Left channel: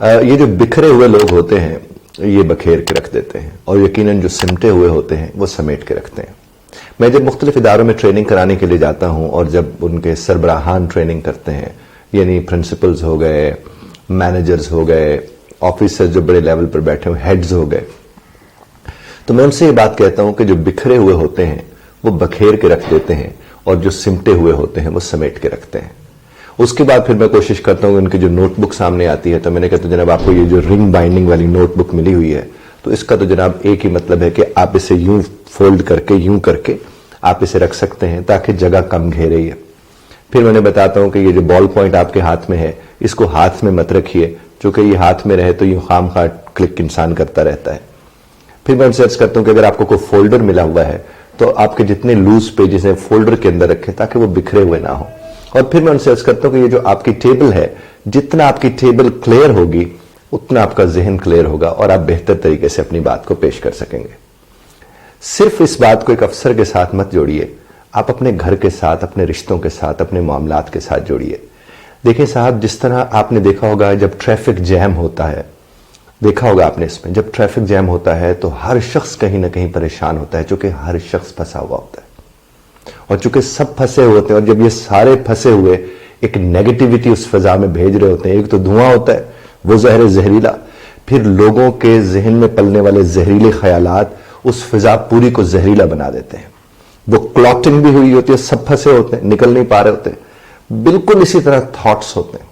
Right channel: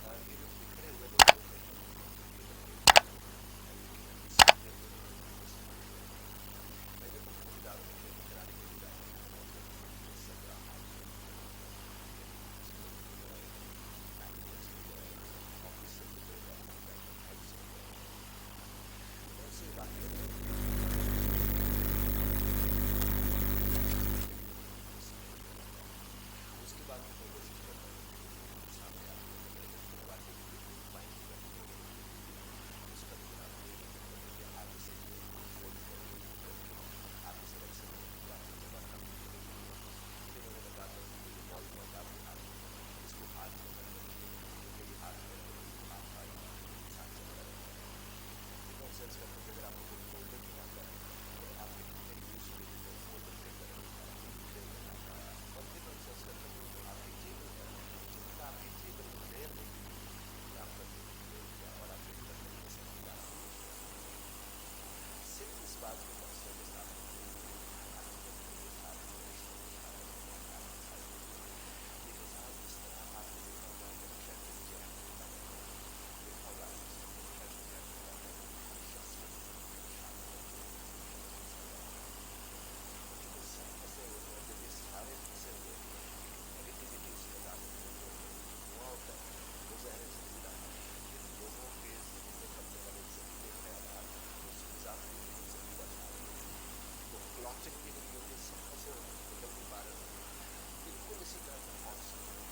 یہ جو بکھرے ہوئے لوگ ہوتے ہیں یہ بکھیر کے رکھ دیتے ہیں، اور یقیناً جو سمٹے ہوئے ہوتے ہیں وہ سمیٹ کے رکھتے ہیں۔ میں جب مختلف اداروں میں ٹریننگ کرانے کے لیے جاتا ہوں، اور جب ان کے سربراہان ٹریننگ کرتے ہیں، یعنی پرنسپلز ہو گئے، مینیجرز ہو گئے، آفیسر جو بڑے لیول پر بیٹھے ہوئے، ہیڈز ہو گئے، تو میں ان سے یہ بات کہتا ہوں کہ جو بکھرے ہوئے ہوتے ہیں وہ بکھیر کے رکھ دیتے ہیں، اور جو سمٹے ہوئے ہوتے ہیں وہ سمیٹ کے رکھتے ہیں۔ اس کے بعد پھر میں کوشش کرتا ہوں کہ ان کی جو نوٹ بک سامنے آتی ہے تو میں نے کہا تو جناب آپ کو یہ جو رنگ بائنڈنگ والی نوٹ بک ملی ہوئی ہے تو اس کا تو جناب ایک ہی مطلب ہے کہ آپ اسے یوں فولڈ کر کے یوں کر کے آپ اسے رکھ سکتے ہیں تاکہ جگہ کم گھیرے ہے۔ پھر میں نے بتاتا ہوں کہ یہ جو بال پوائنٹ آپ کے ہاتھ میں ہے اس کو ہاتھ میں مت رکھیے، چونکہ یہ ہاتھ میں رہے تو یہ خام خواہ کلک انسان کرتا رہتا ہے۔ پھر میں سرچ کرتا ہوں کہ اگر آپ کو کوئی فولڈر ملا ہوا ہے تو آپ کے جتنے لوز پیجز ہیں فولڈر کے اندر رکھیں تاکہ وہ بکھرے ہوئے نہ ہوں۔ اور پھر میں ان سے عرض کرتا ہوں کہ یہ جو آپ کی ٹیبل ہے، جتنا آپ کی ٹیبل کلیئر ہوگی اتنا آپ کا ذہن کلیئر ہوگا اور آپ بہتر طریقے سے اپنی بات کو پیش کر سکیں گے۔ صرف اس بات کو ایک افسر کے ساتھ مت جوڑیے، آپ اپنے گھر کے ساتھ، اپنے رشتوں کے ساتھ، اپنے معاملات کے ساتھ جوڑیے۔ دیکھیں صاحب، جس طرح آپ نے دیکھا ہوگا جب ٹریفک جیم ہوتا ہے، دیکھا ہوگا آپ نے اس میں، جب ٹریفک جیم ہوتا ہے تو ہر شخص کہیں نہ کہیں پریشان ہوتا ہے، چونکہ ہر شخص پھنسا ہوا ہوتا ہے، اور چونکہ سب پھنسے ہوتے ہیں، اور جب یہ سارے پھنسے ہوئے ایک نیگیٹیوٹی اس فضا میں بھیج رہے ہوتے ہیں، ایک تو دھواں ہوتا ہے وہ زہر زہریلا، پھر لوگوں کے ذہن میں پلنے والے زہریلے خیالات اس فضا پوری کو زہریلا بنا دیتے ہیں۔ وہ کلاٹنگ بھی ہوئی ہوتی ہے، سب پھنسے ہوتے ہیں، نکل نہیں پا رہے ہوتے۔ بالکل اسی طرح تھاٹس ہوتے ہیں،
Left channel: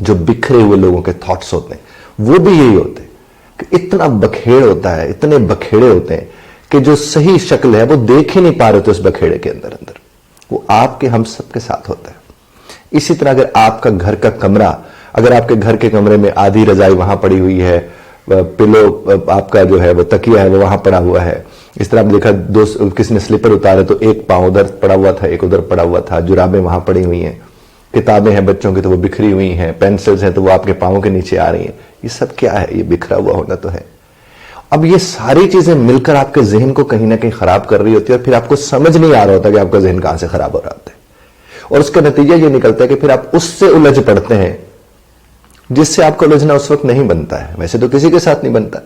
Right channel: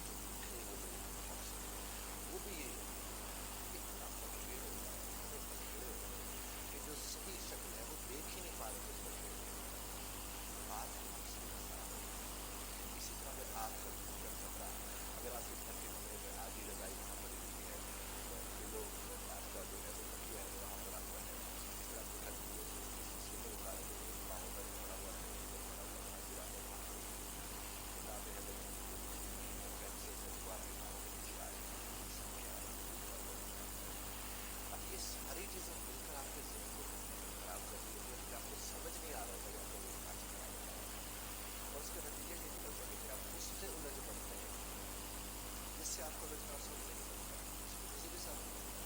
جو بکھرے ہوئے لوگوں کے تھاٹس ہوتے ہیں وہ بھی یہی ہوتے ہیں کہ اتنا بکھیڑ ہوتا ہے، اتنے بکھیڑے ہوتے ہیں کہ جو صحیح شکل ہے وہ دیکھ ہی نہیں پا رہے ہوتے اس بکھیڑے کے اندر وہ آپ کے ہم سب کے ساتھ ہوتا ہے۔ اسی طرح اگر آپ کا گھر کا کمرہ، اگر آپ کے گھر کے کمرے میں آدھی رضائی وہاں پڑی ہوئی ہے، پلو آپ کا جو ہے وہ تکیہ ہے وہ وہاں پڑا ہوا ہے، اس طرح آپ دیکھا کسی نے سلیپر اتارے تو ایک پاؤں ادھر پڑا ہوا تھا ایک ادھر پڑا ہوا تھا، جرابیں وہاں پڑی ہوئی ہیں، کتابیں ہیں بچوں کی تو وہ بکھری ہوئی ہیں، پینسلز ہیں تو وہ آپ کے پاؤں کے نیچے آ رہی ہیں۔ یہ سب کیا ہے؟ یہ بکھرا ہوا ہونا تو ہے۔ اب یہ ساری چیزیں مل کر آپ کے ذہن کو کہیں نہ کہیں خراب کر رہی ہوتی ہے، اور پھر آپ کو سمجھ نہیں آ رہا ہوتا کہ آپ کا ذہن کہاں سے خراب ہو رہا ہوتا ہے، اور اس کا نتیجہ یہ نکلتا ہے کہ پھر آپ اس سے الجھ پڑتے ہیں جس سے آپ کو الجھنا اس وقت نہیں بنتا ہے، ویسے تو کسی کے ساتھ نہیں بنتا،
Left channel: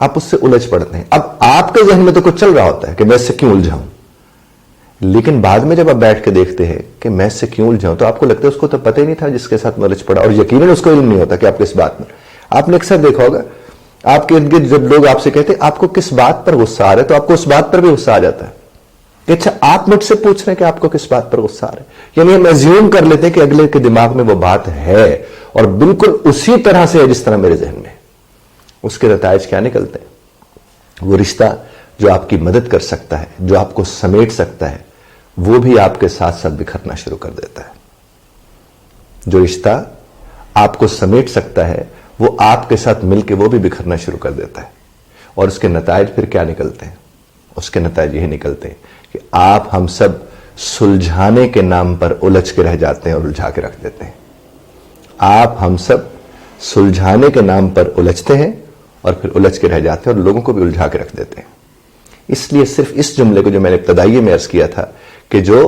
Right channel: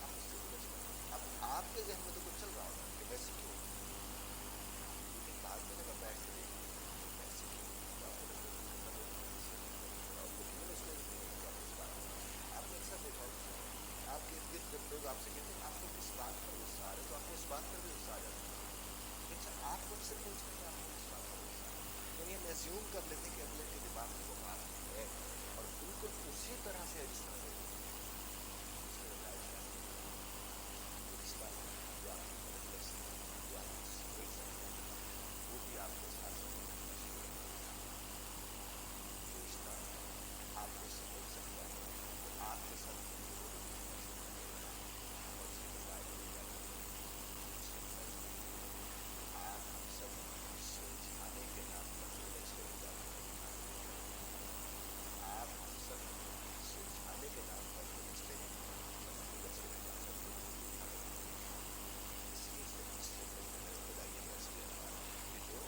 آپ اس سے الجھ پڑتے ہیں۔ اب آپ کے ذہن میں تو کچھ چل رہا ہوتا ہے کہ میں اس سے کیوں الجھاؤں، لیکن بعد میں جب آپ بیٹھ کے دیکھتے ہیں کہ میں اس سے کیوں الجھاؤں تو آپ کو لگتا ہے اس کو تو پتہ ہی نہیں تھا جس کے ساتھ الجھ پڑا، اور یقیناً اس کو علم نہیں ہوتا کہ آپ کس بات میں۔ آپ نے اکثر دیکھا ہوگا آپ کے ارد گرد جب لوگ آپ سے کہتے ہیں آپ کو کس بات پر غصہ آ رہا ہے تو آپ کو اس بات پر بھی غصہ آ جاتا ہے کہ اچھا آپ مجھ سے پوچھ رہے ہیں کہ آپ کو کس بات پر غصہ آ رہا ہے، یعنی ہم ایزیوم کر لیتے ہیں کہ اگلے کے دماغ میں وہ بات ہے اور بالکل اسی طرح سے ہے جس طرح میرے ذہن میں۔ اس کے نتائج کیا نکلتے ہیں؟ وہ رشتہ جو آپ کی مدد کر سکتا ہے، جو آپ کو سمیٹ سکتا ہے، وہ بھی آپ کے ساتھ ساتھ بکھرنا شروع کر دیتا ہے۔ جو رشتہ آپ کو سمیٹ سکتا ہے وہ آپ کے ساتھ مل کے وہ بھی بکھرنا شروع کر دیتا ہے، اور اس کے نتائج پھر کیا نکلتے ہیں؟ اس کے نتائج یہی نکلتے ہیں کہ آپ ہم سب سلجھانے کے نام پر الجھ کے رہ جاتے ہیں اور الجھا کے رکھ دیتے ہیں۔ آپ ہم سب سلجھانے کے نام پر الجھتے ہیں اور پھر الجھ کے رہ جاتے ہیں اور لوگوں کو بھی الجھا کے رکھ دیتے ہیں۔ اس لیے صرف اس جملے کو جو میں نے ابتدائی میں عرض کیا تھا کہ جو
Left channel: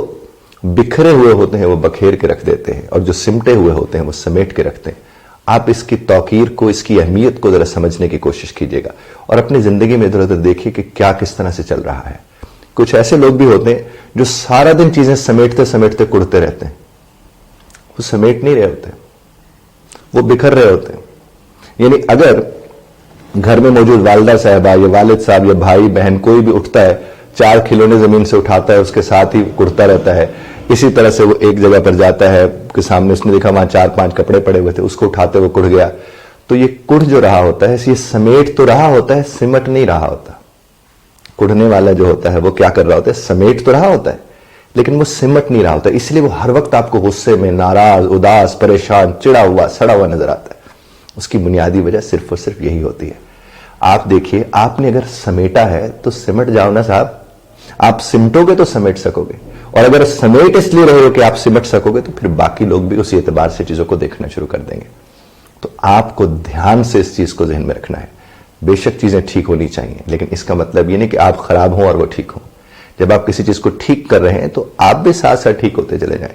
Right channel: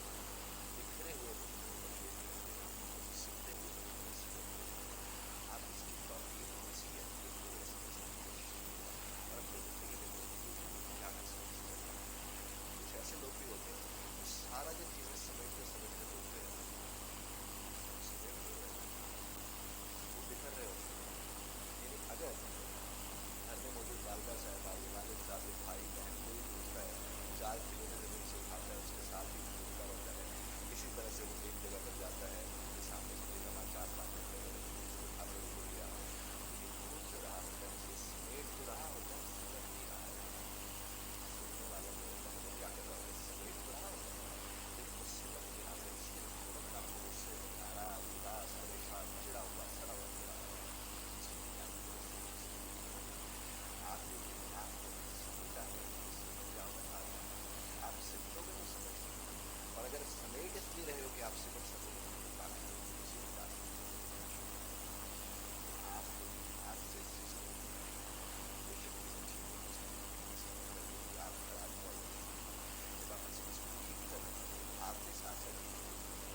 بکھرے ہوئے ہوتے ہیں وہ بکھیر کے رکھ دیتے ہیں اور جو سمٹے ہوئے ہوتے ہیں وہ سمیٹ کے رکھتے ہیں، آپ اس کی توقیر کو، اس کی اہمیت کو ذرا سمجھنے کی کوشش کیجئے گا اور اپنی زندگی میں ادھر ادھر دیکھیے کہ کیا کس طرح سے چل رہا ہے۔ کچھ ایسے لوگ بھی ہوتے ہیں جو سارا دن چیزیں سمیٹتے سمیٹتے کڑتے رہتے ہیں، وہ سمیٹ نہیں رہے ہوتے، وہ بکھر رہے ہوتے ہیں۔ یعنی اگر گھر میں موجود والدہ صاحبہ یا والد صاحب یا بھائی بہن کوئی بھی اٹھتا ہے، 4 کھلونے زمین سے اٹھاتا ہے، اس کے ساتھ ہی کڑتا رہتا ہے، اسی طرح سے وہ ایک جگہ پر جاتا ہے کہ سامنے اس نے دیکھا وہاں 4-5 کپڑے پڑے ہوئے تھے، اس کو اٹھاتے وہ کڑ گیا، تو یہ کڑ جو رہا ہوتا ہے یہ سمیٹ تو رہا ہوتا ہے، سمٹ نہیں رہا ہوتا۔ کڑنے والا جو ہوتا ہے وہ کیا کر رہا ہوتا ہے؟ سمیٹ تو رہا ہوتا ہے لیکن وہ سمٹ نہیں رہا ہوتا، اس لیے وہ ہر وقت آپ کو غصے میں، ناراض، اداس، پریشان، چڑا ہوا، سڑا ہوا نظر آتا ہے۔ اس کی بنیادی وجہ صرف اور صرف یہی ہوتی ہے۔ آپ دیکھیے، آپ نے اگر سمیٹا ہے تو سمٹ جاؤ نا صاحب، آپ سمٹو گے تو سمیٹ سکو گے، اور اگر سمیٹ اس لیے رہے ہو کہ آپ سمٹ سکو گے تو پھر باقی لوگ بھی اسی اعتبار سے چیزوں کو دیکھنا شروع کر دیں گے۔ تو آپ کو دھیان سے اس چیز کو ذہن میں رکھنا ہے۔ بے شک چیزیں ٹھیک ہونی چاہیے لیکن اس کا مطلب یہ نہیں کہ آپ خراب ہوں اور وہ ٹھیک ہوں۔ جب آپ کسی چیز کو ٹھیک کر رہے ہیں تو آپ بھی ساتھ ساتھ ٹھیک ہوتے چلے جائیں۔